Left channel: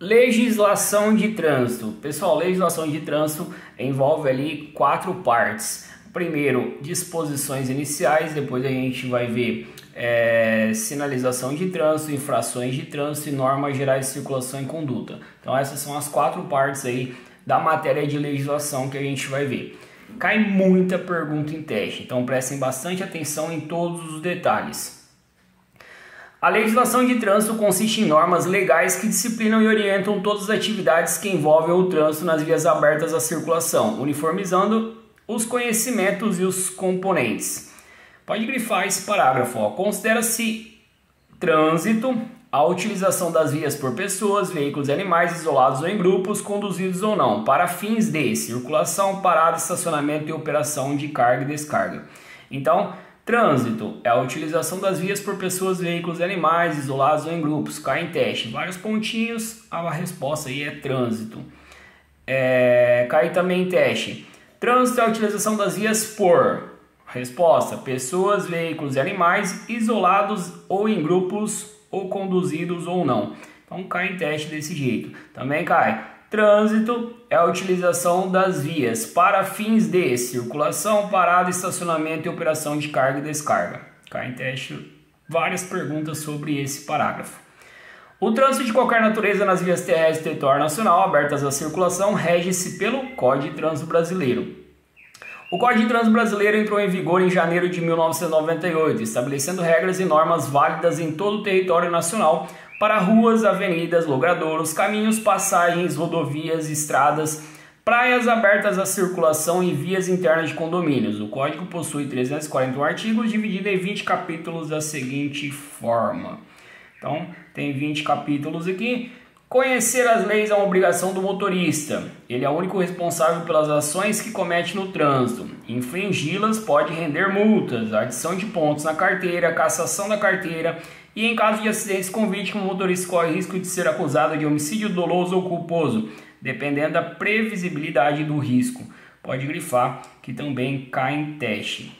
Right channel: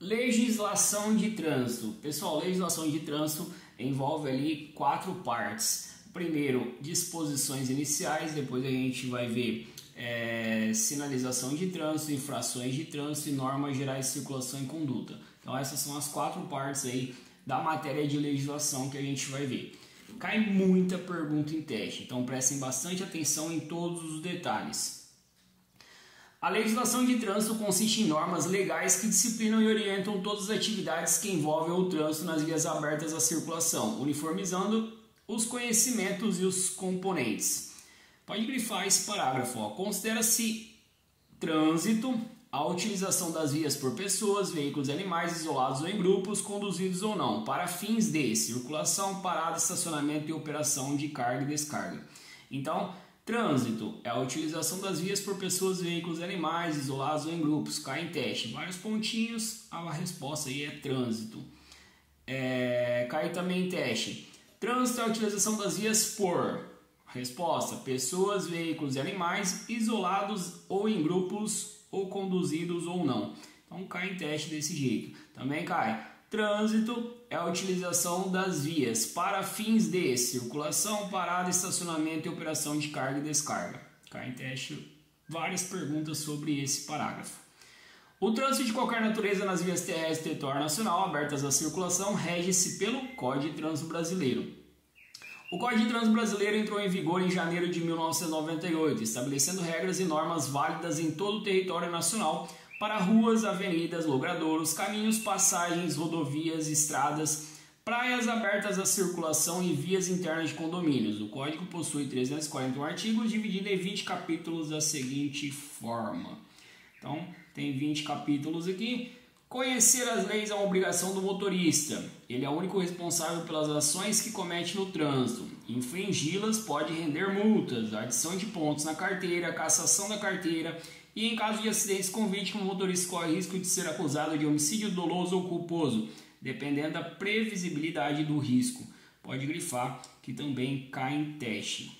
Legislação de trânsito. Pessoal, legislação de trânsito envolve ali 4 partes. Primeiro, disposições iniciais, depois a gente vai ver sinalização de trânsito, infrações de trânsito e normas gerais de circulação e conduta. Então essas são as 4 partes aí da matéria de legislação que a gente vai ver. Cai muita pergunta em teste, então prestem bastante atenção em todos os detalhes. A legislação de trânsito consiste em normas legais que disciplinam e orientam todas as atividades que envolvem o trânsito nas vias abertas à circulação, uniformizando os conhecimentos e os componentes. Pode grifar esse parágrafo. Considera-se trânsito a utilização das vias por pessoas, veículos e animais isolados ou em grupos, conduzidos ou não, para fins de circulação, parada, estacionamento e operação de carga e descarga. Então, trânsito é a utilização das vias por pessoas, veículos e animais isolados ou em grupos. Cai em teste. Vários pontinhos, a resposta aí é trânsito. Cai também em teste. Trânsito é a utilização das vias por... Resposta: pessoas, veículos e animais isolados ou em grupos ou conduzidos ou não. Então cai em teste desse jeito. Também cai. Trânsito é a utilização das vias para fins de circulação, parada, estacionamento e operação de carga e descarga. Cai em teste várias perguntas sobre esse parágrafo. O trânsito de qualquer natureza nas vias terrestres do território nacional abertas à circulação rege-se pelo Código de Trânsito Brasileiro. O Código de Trânsito Brasileiro entrou em vigor em janeiro de 1998, estabelecendo regras e normas válidas em todo o território nacional para ruas, avenidas, logradouros, caminhos, passagens, rodovias, estradas, praias abertas à circulação e vias internas de condomínios. O Código possui 341 artigos, dividido em 20 capítulos da seguinte forma. Então, tem 20 capítulos aqui. Conhecer as leis é uma obrigação do motorista. Ele é o único responsável pelas ações que comete no trânsito. Infringi-las pode render multas, adição de pontos na carteira, cassação da carteira e, em caso de acidentes com vítima, o motorista corre risco de ser acusado de homicídio doloso ou culposo, dependendo da previsibilidade do risco. Pode grifar que também cai em teste.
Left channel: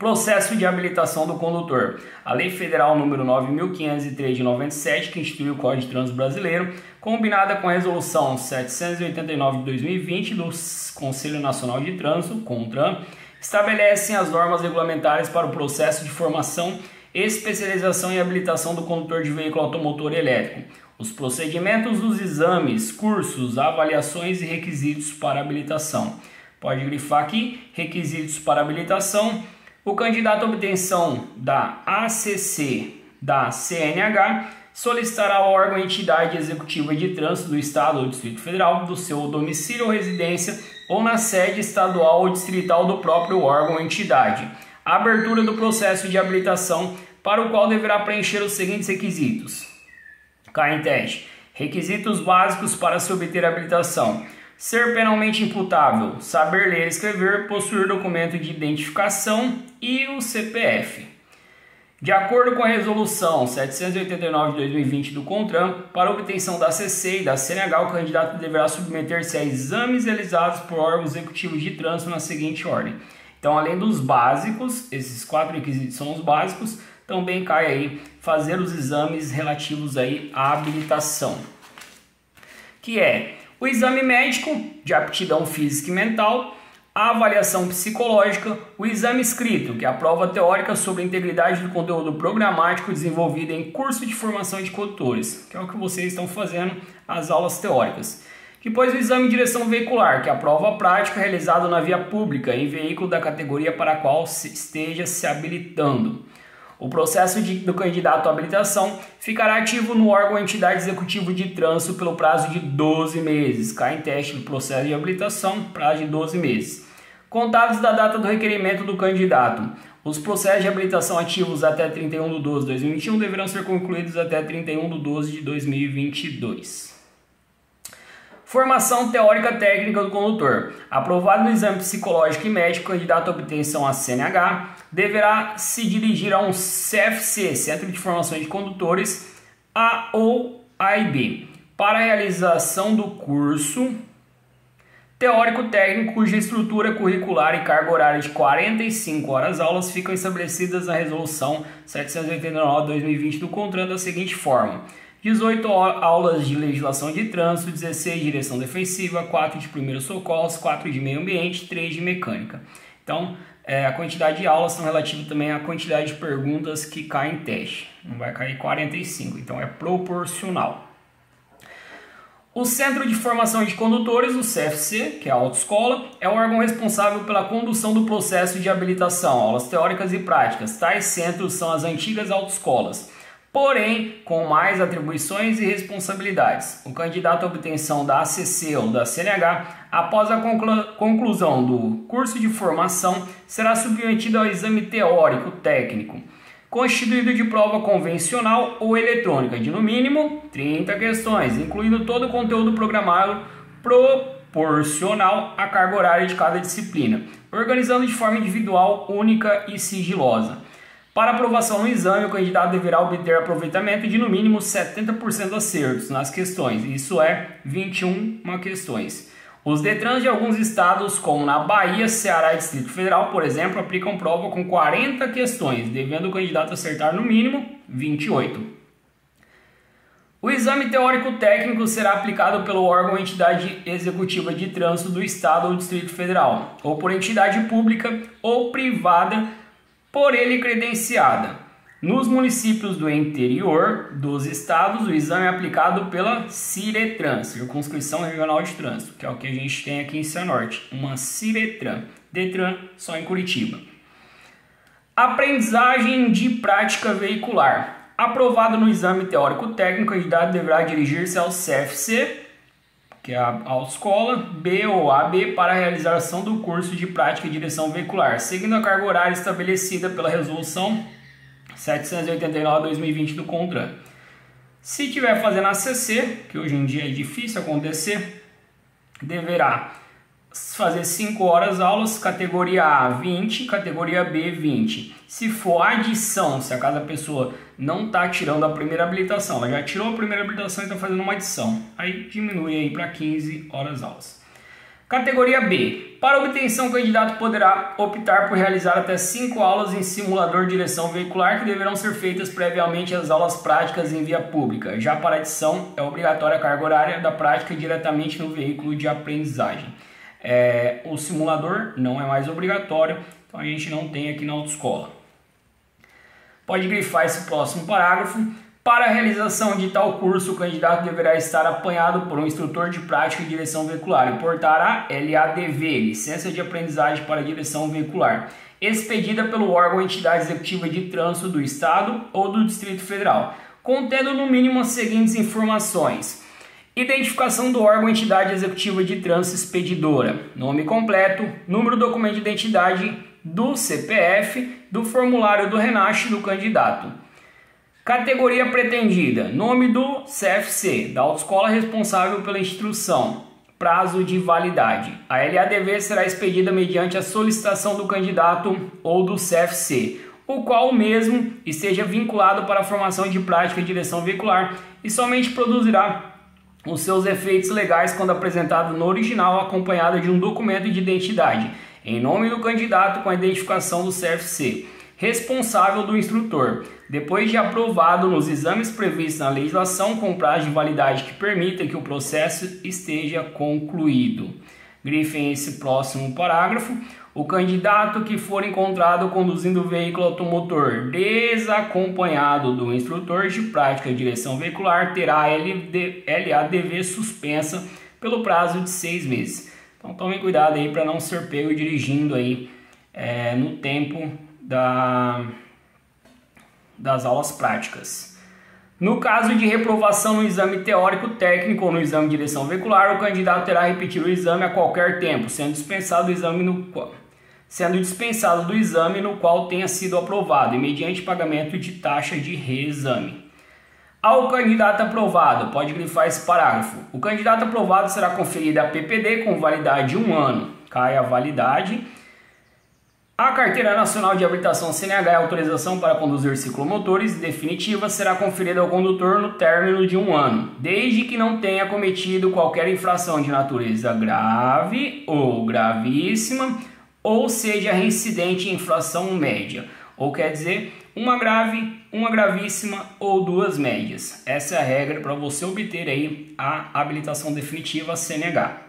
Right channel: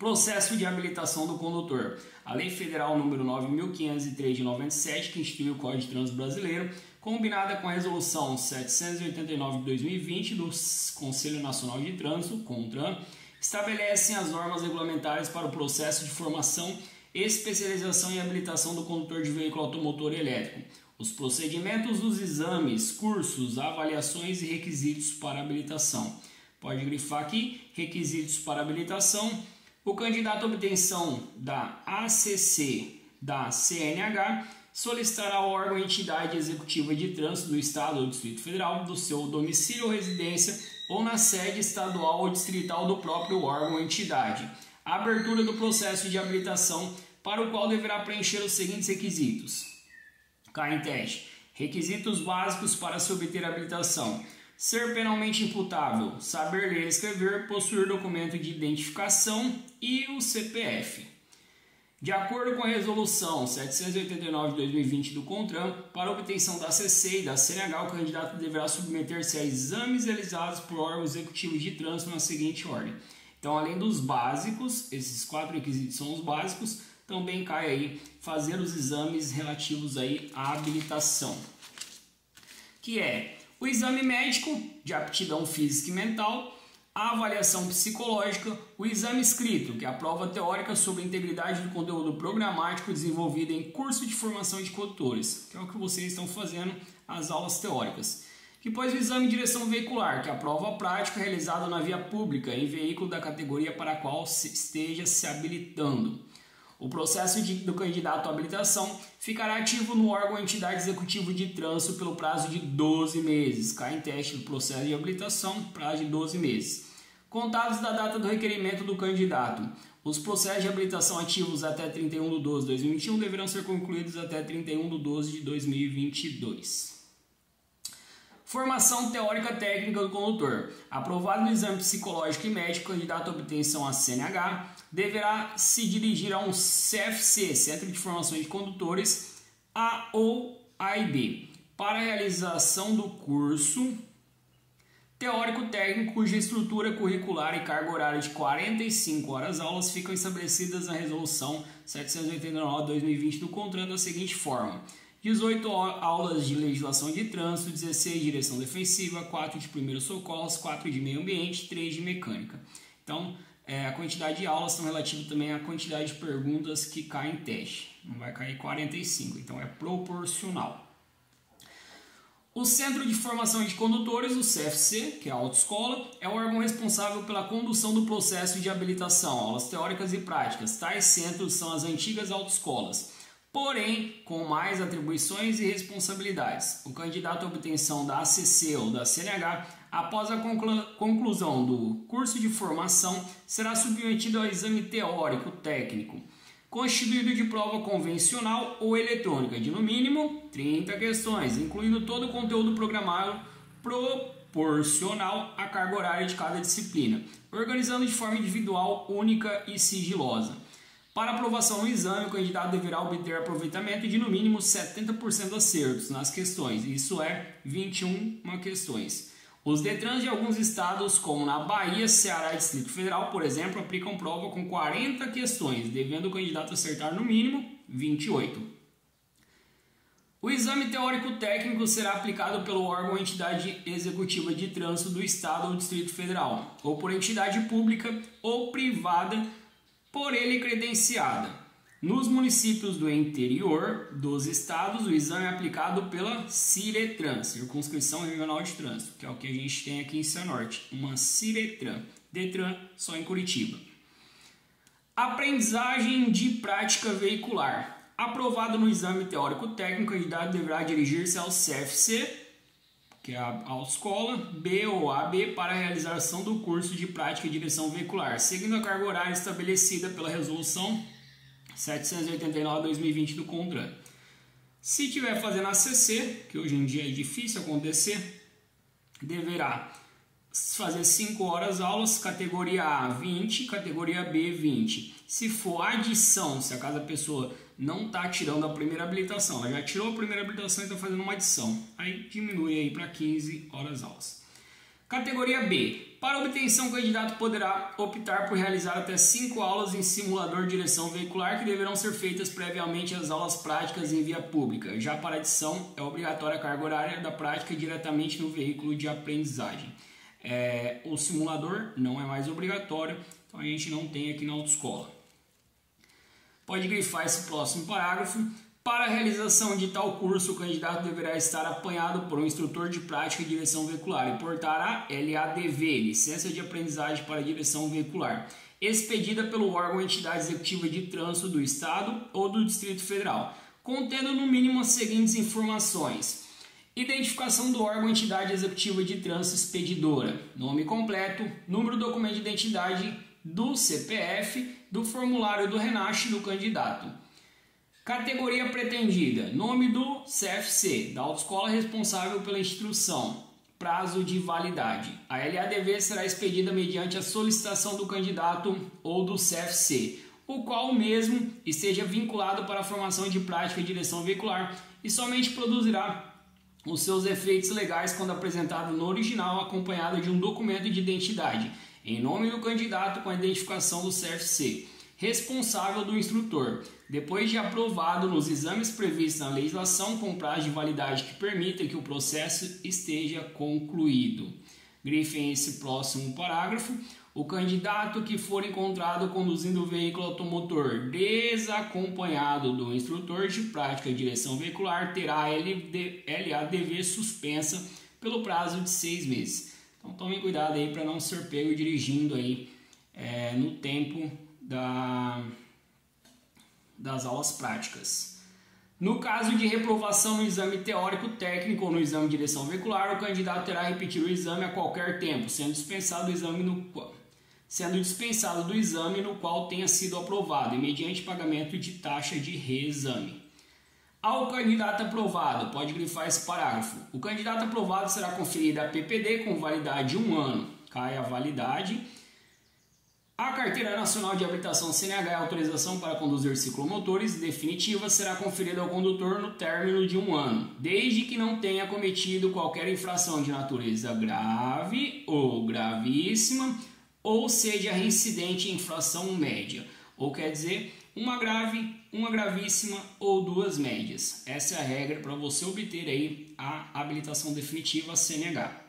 Processo de habilitação do condutor. A Lei Federal número 9.503 de 97, que instituiu o Código de Trânsito Brasileiro, combinada com a Resolução 789 de 2020 do Conselho Nacional de Trânsito, CONTRAN, estabelecem as normas regulamentares para o processo de formação, especialização e habilitação do condutor de veículo automotor elétrico, os procedimentos dos exames, cursos, avaliações e requisitos para habilitação. Pode grifar aqui, requisitos para habilitação. O candidato à obtenção da ACC da CNH solicitará ao órgão ou entidade executiva de trânsito do Estado ou Distrito Federal do seu domicílio ou residência ou na sede estadual ou distrital do próprio órgão ou entidade a abertura do processo de habilitação, para o qual deverá preencher os seguintes requisitos. Cai em teste. Requisitos básicos para se obter habilitação: ser penalmente imputável, saber ler e escrever, possuir documento de identificação e o CPF. De acordo com a Resolução 789 de 2020 do CONTRAN, para obtenção da ACC e da CNH, o candidato deverá submeter-se a exames realizados por órgãos executivos de trânsito na seguinte ordem. Então, além dos básicos, esses 4 requisitos são os básicos, também cai aí fazer os exames relativos aí à habilitação, que é o exame médico de aptidão física e mental, a avaliação psicológica, o exame escrito, que é a prova teórica sobre a integridade do conteúdo programático desenvolvido em curso de formação de condutores, que é o que vocês estão fazendo, as aulas teóricas. Depois o exame de direção veicular, que é a prova prática realizada na via pública em veículo da categoria para a qual esteja se habilitando. O processo do candidato à habilitação ficará ativo no órgão ou entidade executivo de trânsito pelo prazo de 12 meses. Cai em teste do processo de habilitação, prazo de 12 meses. Contados da data do requerimento do candidato, os processos de habilitação ativos até 31 de 12 de 2021 deverão ser concluídos até 31 de 12 de 2022. Formação teórica técnica do condutor. Aprovado no exame psicológico e médico, o candidato à obtenção à CNH deverá se dirigir a um CFC, Centro de Formação de Condutores, A ou AIB, para a realização do curso teórico-técnico, cuja estrutura curricular e carga horária de 45 horas aulas ficam estabelecidas na Resolução 789/2020 do CONTRAN da seguinte forma: 18 aulas de legislação de trânsito, 16 de direção defensiva, 4 de primeiros socorros, 4 de meio ambiente, 3 de mecânica. Então, a quantidade de aulas são relativa também à quantidade de perguntas que caem em teste. Não vai cair 45, então é proporcional. O Centro de Formação de Condutores, o CFC, que é a autoescola, é o órgão responsável pela condução do processo de habilitação, aulas teóricas e práticas. Tais centros são as antigas autoescolas, porém com mais atribuições e responsabilidades. O candidato à obtenção da ACC ou da CNH, após a conclusão do curso de formação, será submetido ao exame teórico técnico, constituído de prova convencional ou eletrônica, de no mínimo 30 questões, incluindo todo o conteúdo programado proporcional à carga horária de cada disciplina, organizando de forma individual, única e sigilosa. Para aprovação no exame, o candidato deverá obter aproveitamento de no mínimo 70% acertos nas questões, isso é 21 questões. Os DETRANs de alguns estados, como na Bahia, Ceará e Distrito Federal, por exemplo, aplicam prova com 40 questões, devendo o candidato acertar no mínimo 28. O exame teórico técnico será aplicado pelo órgão ou entidade executiva de trânsito do estado ou Distrito Federal, ou por entidade pública ou privada por ele credenciada. Nos municípios do interior dos estados, o exame é aplicado pela CIRETRAN, Circunscrição Regional de Trânsito, que é o que a gente tem aqui em Cianorte, uma CIRETRAN, DETRAN só em Curitiba. Aprendizagem de prática veicular. Aprovado no exame teórico técnico, o candidato deverá dirigir-se ao CFC, que é a autoescola, B ou AB, para a realização do curso de prática e direção veicular, seguindo a carga horária estabelecida pela resolução 789/2020 do CONTRAN. Se tiver fazendo ACC, que hoje em dia é difícil acontecer, deverá fazer 5 horas aulas, categoria A 20, categoria B 20. Se for adição, se a pessoa não está tirando a primeira habilitação, ela já tirou a primeira habilitação e está fazendo uma adição, aí diminui aí para 15 horas aulas. Categoria B. Para obtenção, o candidato poderá optar por realizar até 5 aulas em simulador de direção veicular, que deverão ser feitas previamente às aulas práticas em via pública. Já para adição, é obrigatória a carga horária da prática diretamente no veículo de aprendizagem. O simulador não é mais obrigatório, então a gente não tem aqui na autoescola. Pode grifar esse próximo parágrafo. Para a realização de tal curso, o candidato deverá estar apanhado por um instrutor de prática e direção veicular e portar a LADV, Licença de Aprendizagem para Direção Veicular, expedida pelo órgão ou entidade executiva de trânsito do Estado ou do Distrito Federal, contendo no mínimo as seguintes informações: identificação do órgão ou entidade executiva de trânsito expedidora, nome completo, número do documento de identidade, do CPF, do formulário do RENASH do candidato. Categoria pretendida, nome do CFC, da autoescola responsável pela instrução, prazo de validade. A LADV será expedida mediante a solicitação do candidato ou do CFC, o qual mesmo esteja vinculado para a formação de prática e direção veicular e somente produzirá os seus efeitos legais quando apresentado no original acompanhado de um documento de identidade, em nome do candidato com a identificação do CFC, responsável do instrutor, depois de aprovado nos exames previstos na legislação com prazo de validade que permita que o processo esteja concluído. Grifem esse próximo parágrafo. O candidato que for encontrado conduzindo o veículo automotor desacompanhado do instrutor de prática de direção veicular terá a LADV suspensa pelo prazo de 6 meses. Então tomem cuidado aí para não ser pego dirigindo aí no tempo das aulas práticas. No caso de reprovação no exame teórico técnico ou no exame de direção veicular, o candidato terá que repetir o exame a qualquer tempo, sendo dispensado do exame no qual tenha sido aprovado e mediante pagamento de taxa de reexame. Ao candidato aprovado, pode grifar esse parágrafo. O candidato aprovado será conferido a PPD com validade de 1 ano. Cai a validade. A Carteira Nacional de Habilitação CNH e autorização para conduzir ciclomotores definitiva será conferida ao condutor no término de 1 ano, desde que não tenha cometido qualquer infração de natureza grave ou gravíssima, ou seja reincidente em infração média, ou quer dizer, uma grave, uma gravíssima ou 2 médias. Essa é a regra para você obter aí a habilitação definitiva CNH.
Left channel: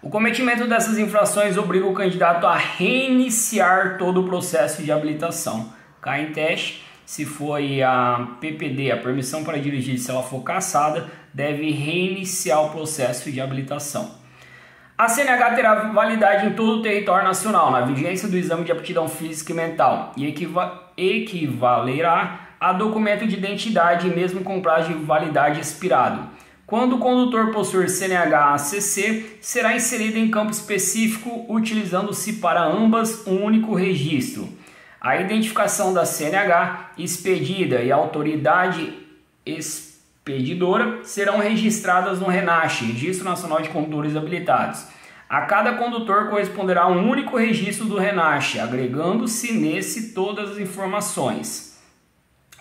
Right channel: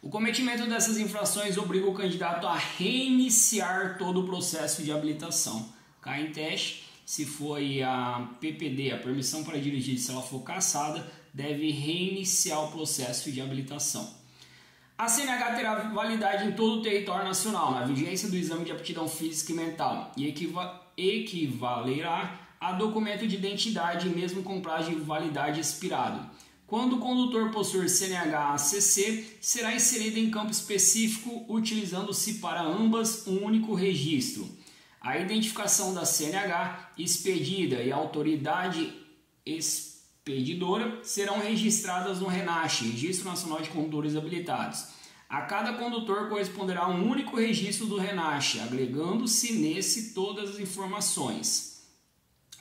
O cometimento dessas infrações obriga o candidato a reiniciar todo o processo de habilitação. Cai em teste, se foi a PPD, a permissão para dirigir, se ela for cassada, deve reiniciar o processo de habilitação. A CNH terá validade em todo o território nacional, na vigência do exame de aptidão física e mental, e equivalerá a documento de identidade mesmo com prazo de validade expirado. Quando o condutor possuir CNH-ACC, será inserido em campo específico, utilizando-se para ambas um único registro. A identificação da CNH expedida e a autoridade expedidora serão registradas no RENACH, Registro Nacional de Condutores Habilitados. A cada condutor corresponderá um único registro do RENACH, agregando-se nesse todas as informações.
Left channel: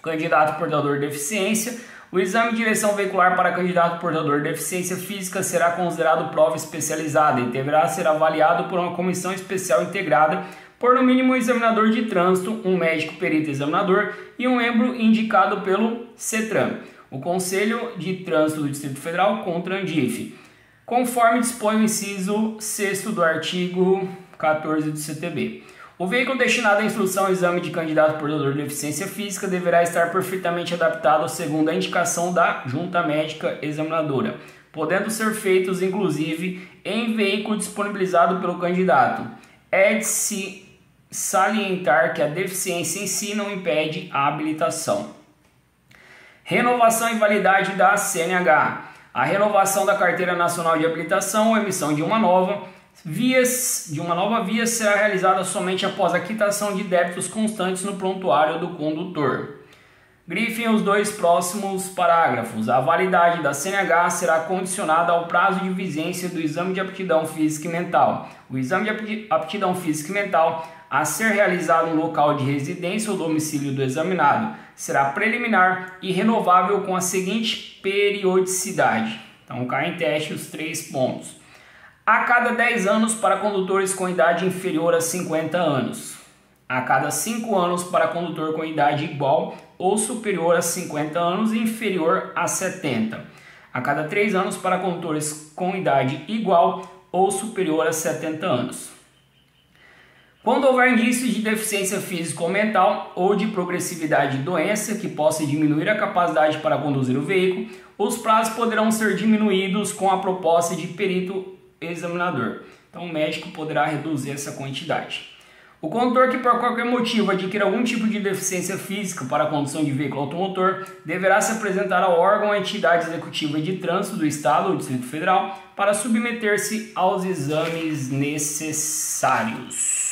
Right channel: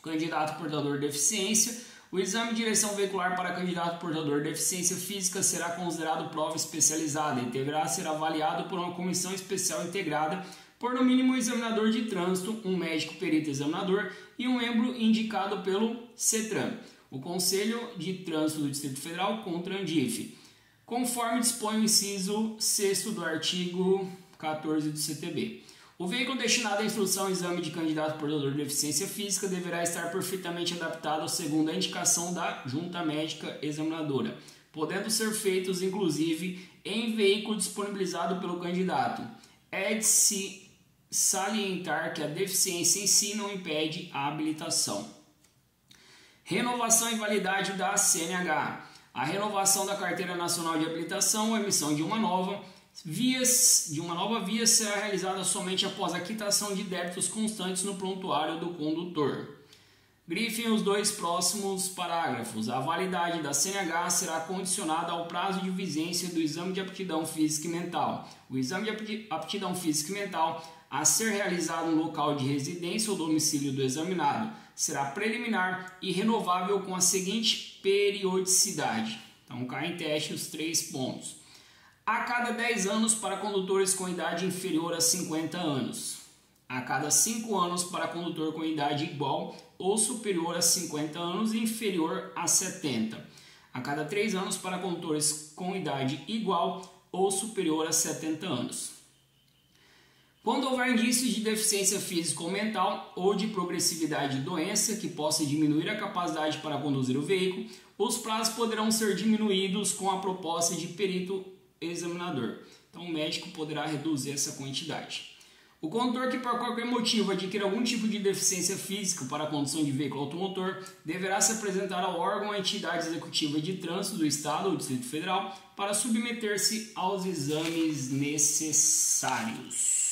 Candidato portador de deficiência. O exame de direção veicular para candidato portador de deficiência física será considerado prova especializada e deverá ser avaliado por uma comissão especial integrada por no mínimo um examinador de trânsito, um médico perito examinador e um membro indicado pelo CETRAN, o Conselho de Trânsito do Distrito Federal, CONTRANDIF, conforme dispõe o inciso 6º do artigo 14 do CTB. O veículo destinado à instrução ao exame de candidato portador de deficiência física deverá estar perfeitamente adaptado segundo a indicação da junta médica examinadora, podendo ser feitos inclusive em veículo disponibilizado pelo candidato. É de se salientar que a deficiência em si não impede a habilitação. Renovação e validade da CNH. A renovação da Carteira Nacional de Habilitação ou emissão de uma nova via será realizada somente após a quitação de débitos constantes no prontuário do condutor. Grifem os 2 próximos parágrafos. A validade da CNH será condicionada ao prazo de vigência do exame de aptidão física e mental. O exame de aptidão física e mental, a ser realizado no local de residência ou domicílio do examinado, será preliminar e renovável com a seguinte periodicidade. Então, cai em teste os 3 pontos. A cada 10 anos para condutores com idade inferior a 50 anos. A cada 5 anos para condutor com idade igual ou superior a 50 anos e inferior a 70. A cada 3 anos para condutores com idade igual ou superior a 70 anos. Quando houver indícios de deficiência física ou mental ou de progressividade de doença que possa diminuir a capacidade para conduzir o veículo, os prazos poderão ser diminuídos com a proposta de perito examinador. Então o médico poderá reduzir essa quantidade. O condutor que por qualquer motivo adquira algum tipo de deficiência física para a condução de veículo automotor deverá se apresentar ao órgão ou entidade executiva de trânsito do Estado ou Distrito Federal para submeter-se aos exames necessários.